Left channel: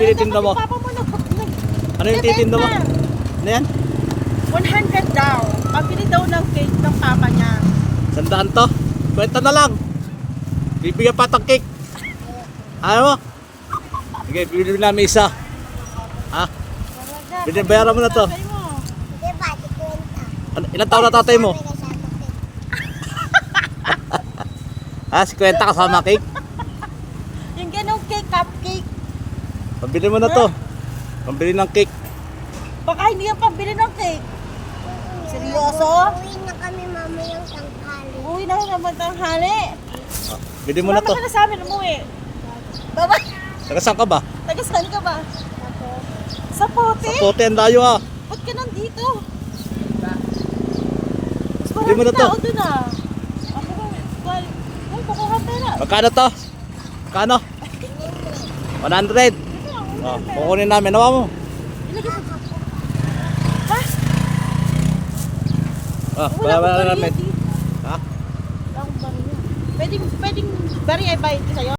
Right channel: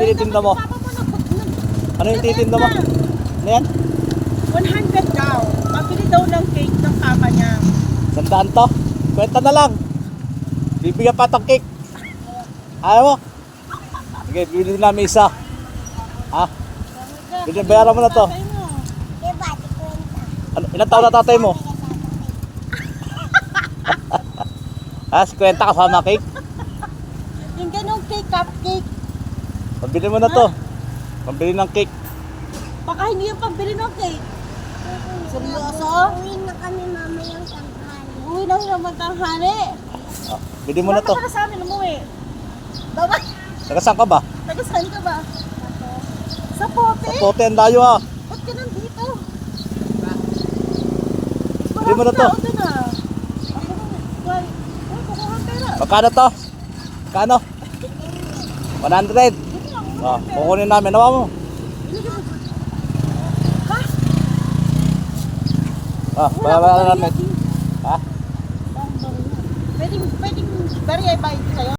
tinitinda mo? Ano yung titinda mo? Ano yan? 100 daw. Pabili daw ng cake ng kaka niya. 100 to? Kwenta na lang. Bibigyan pa itong cake. Ayaw mo? Sige, bibili namin isa. Ha? Bayaran mo na to. Ilan taon na tatay mo? Ha? 50 kasama cake? Yung ganong cake, cupcake. Pabili mo na to. Pambili ng cake. Baka hindi yung pambili ng cake. Seryoso? Uwi na kami mamayang tanghali. Uwi na naman tanghali. Bili mo na to. Sumama ka na sa amin, umuwi. Bye-bye. Taga saan ka ba? Taga-saan ka ba? Sa Pote? Sa Pote, ang layo ha. Ba't ka nandito? Bili mo na to. Doon ah. Uy, kukuha pera. Magkano to? Magkano? 100. Oh, kukunin namin. Nawa mo. Oh, bawa na namin. Ha? Pwedeng, very ay bayad sa'yo.